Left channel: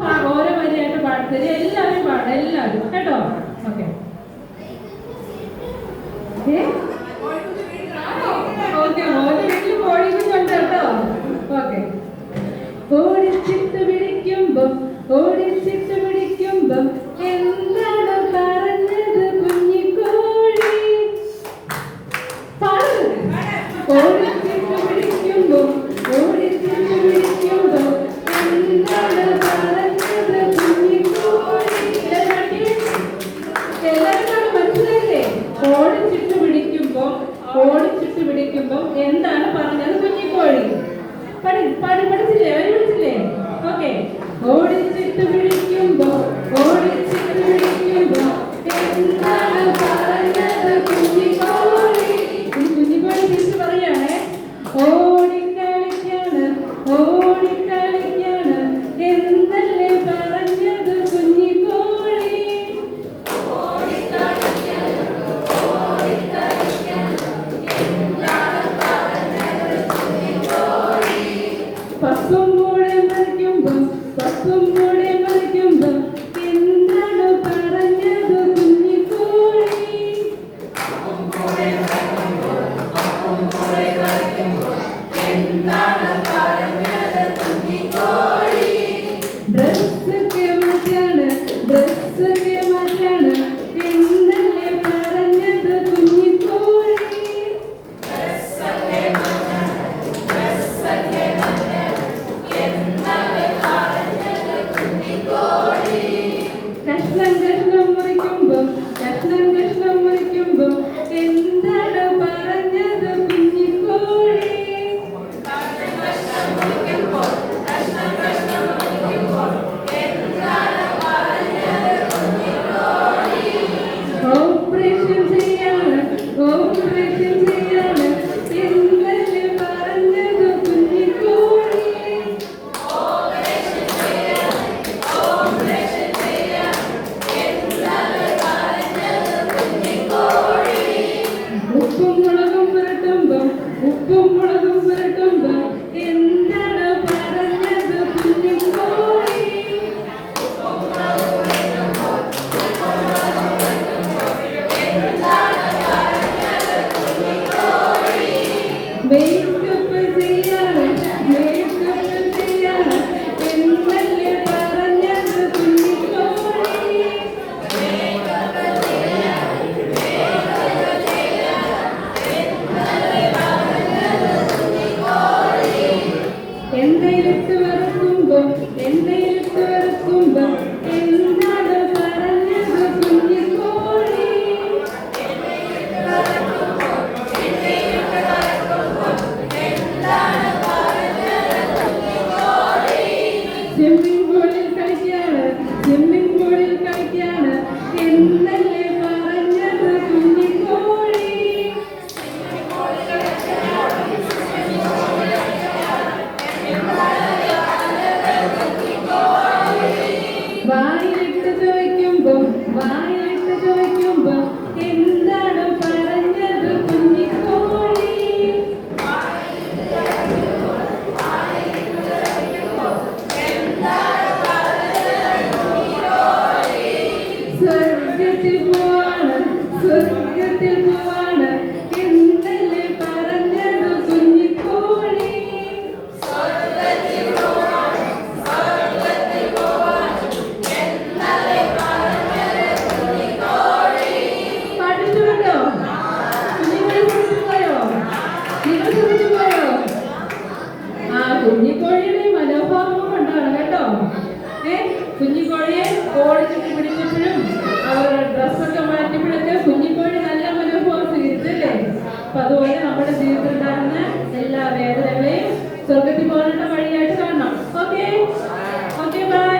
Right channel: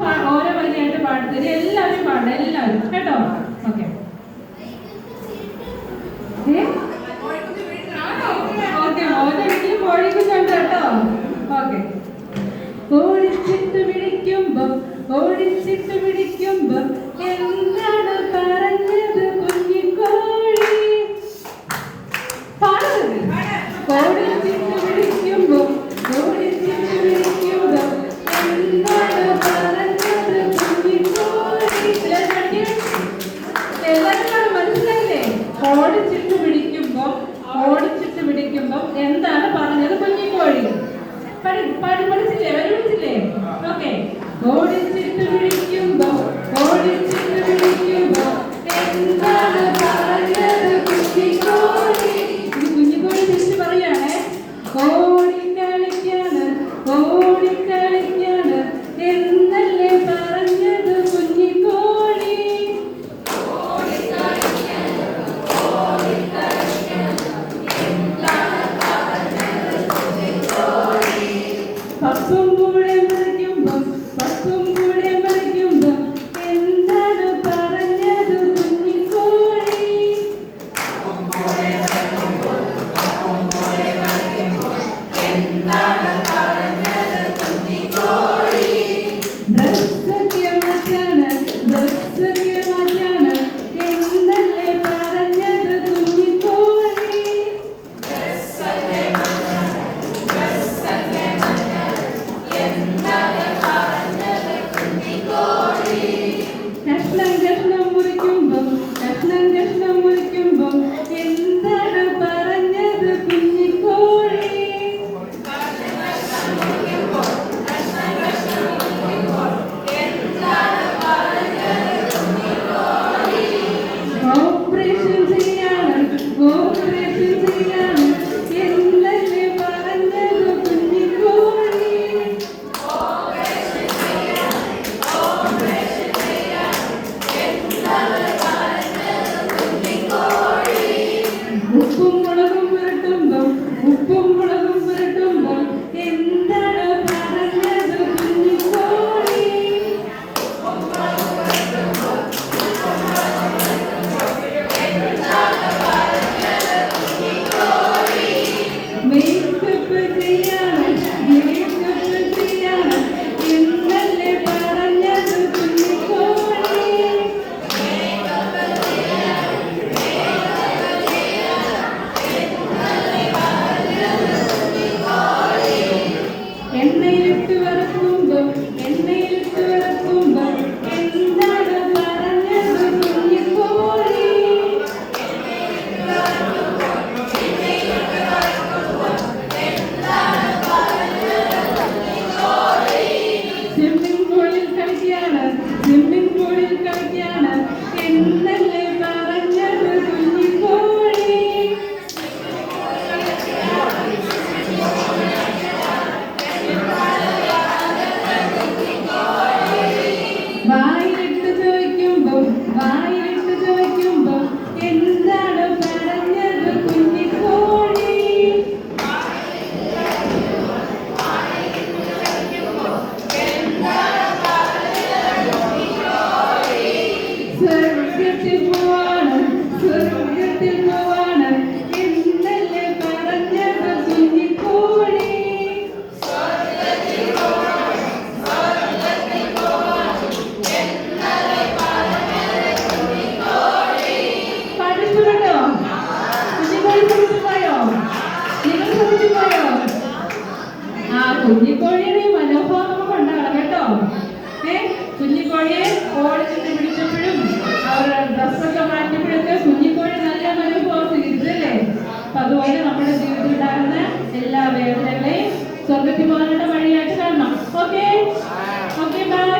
ഓരോ വരിയായിട്ട് പാടത്തരും. എല്ലാവരും പാടാം, എല്ലാവരും കേട്ടോ. ഓക്കെ ഓക്കെ, ഓരോ വീട്ടിലും കോഴിക്കുന്നുണ്ട് കേട്ടോ. ഓക്കെ. ഓടിച്ചിട്ട് പിടിക്കുമ്പം ഓടിച്ചിട്ട് പിടിക്കുമ്പം എന്താണ് പറഞ്ഞത് കുഞ്ഞിക്കോഴി? പാടുന്നത്. ഓടിച്ചിട്ട് പിടിക്കുമ്പം ഓടിച്ചിട്ട് പിടിക്കുമ്പം എന്താണ് പറഞ്ഞത് കുഞ്ഞിക്കോഴി? എല്ലാവരും മനസ്സിലായില്ലേ? ഓടിച്ചിട്ട് പിടിക്കുമ്പം ഓടിച്ചിട്ട് പിടിക്കുമ്പം എന്താണ് പറഞ്ഞത് കുഞ്ഞിക്കോഴി? പഠിച്ചില്ലേ? അവര് പഠിച്ചില്ലേ? ഓക്കെ. ഓടിച്ചിട്ട് പിടിക്കുമ്പോ ഓടിച്ചിട്ട് പിടിക്കുമ്പോ എന്താണ് പറഞ്ഞത് കുഞ്ഞിക്കോഴി? കുഞ്ഞിക്കോഴി തിരിച്ച് പറയാണേ. ഓടിക്കളിക്കാണ് ഓടിക്കളിക്കാണ് എന്നല്ലേ പറഞ്ഞത് കുഞ്ഞിക്കോഴി? പപ്പും കൂടെ മറിക്കുമ്പം പപ്പും കൂടെ മറിക്കുമ്പം എന്താണ് പറഞ്ഞത് കുഞ്ഞിക്കോഴി? ഡ്രസ്സൊക്കെ മാറ്റാണ് ഡ്രസ്സൊക്കെ മാറ്റാണ് എന്നല്ലേ പറഞ്ഞത് കുഞ്ഞിക്കോഴി? കഷ്ണം കഷ്ണം മുറിക്കുമ്പം കഷ്ണം കഷ്ണം മുറിക്കുമ്പം എന്താണ് പറഞ്ഞത് കുഞ്ഞിക്കോഴി? ഓപ്പറേഷൻ ചെയ്യാണ് ഓപ്പറേഷൻ ചെയ്യാണ് എന്നല്ലേ പറഞ്ഞത് കുഞ്ഞിക്കോഴി? ഉപ്പും മുളകും പുരട്ടുമ്പം ഉപ്പും മുളകും പുരട്ടുമ്പം എന്താണ് പറഞ്ഞത് കുഞ്ഞിക്കോഴി? മേക്കപ്പ് ചെയ്യാണ് മേക്കപ്പ് ചെയ്യാണ് എന്നല്ലേ പറഞ്ഞത് കുഞ്ഞിക്കോഴി? എണ്ണയിലിട്ട് വറക്കുമ്പം എണ്ണയിലിട്ട് വറക്കുമ്പം എന്താണ് പറഞ്ഞത് കുഞ്ഞിക്കോഴി? സ്വിമ്മിംഗ് പൂളിൽ കളിക്കാണ് സ്വിമ്മിംഗ് പൂളിൽ കളിക്കാണ് എന്നല്ലേ പറഞ്ഞത് കുഞ്ഞിക്കോഴി? വായിലിട്ട് ചോദിക്കുമ്പം വായിലിട്ട് ചോദിക്കുമ്പം എന്താണ് പറഞ്ഞത് കുഞ്ഞിക്കോഴി? സ്വർഗത്തിൽ പോവാണ് സ്വർഗത്തിൽ പോവാണ് എന്നല്ലേ പറഞ്ഞത് കുഞ്ഞിക്കോഴി? പഠിച്ചുകൊണ്ടോ? നിങ്ങൾ പഠിച്ചുപോയോ? നിങ്ങൾ പഠിച്ചുപോയോ? ആ കുഞ്ഞിക്കോഴിയുടെ മനോഭാവം കൊണ്ടാണ് കേട്ടോ. കുഞ്ഞിക്കോഴിയെ ഓടിച്ചിട്ട് പിടിച്ചപ്പോഴും അവരുടെ ഡ്രസ്സൊക്കെ മാറ്റിയപ്പോഴൊക്കെ കുഞ്ഞിക്കോഴി നല്ല മനോഭാവം സ്വീകരിച്ചല്ലേ? അപ്പൊ അതുപോലെ നമ്മുടെ ജീവിതത്തിൽ ഉണ്ടാകുന്ന എല്ലാ വേദനകളെയും സ്വർഗത്തിൽ പോകാനുള്ള വഴിയായിട്ട് കാണണം. Okay okay, by.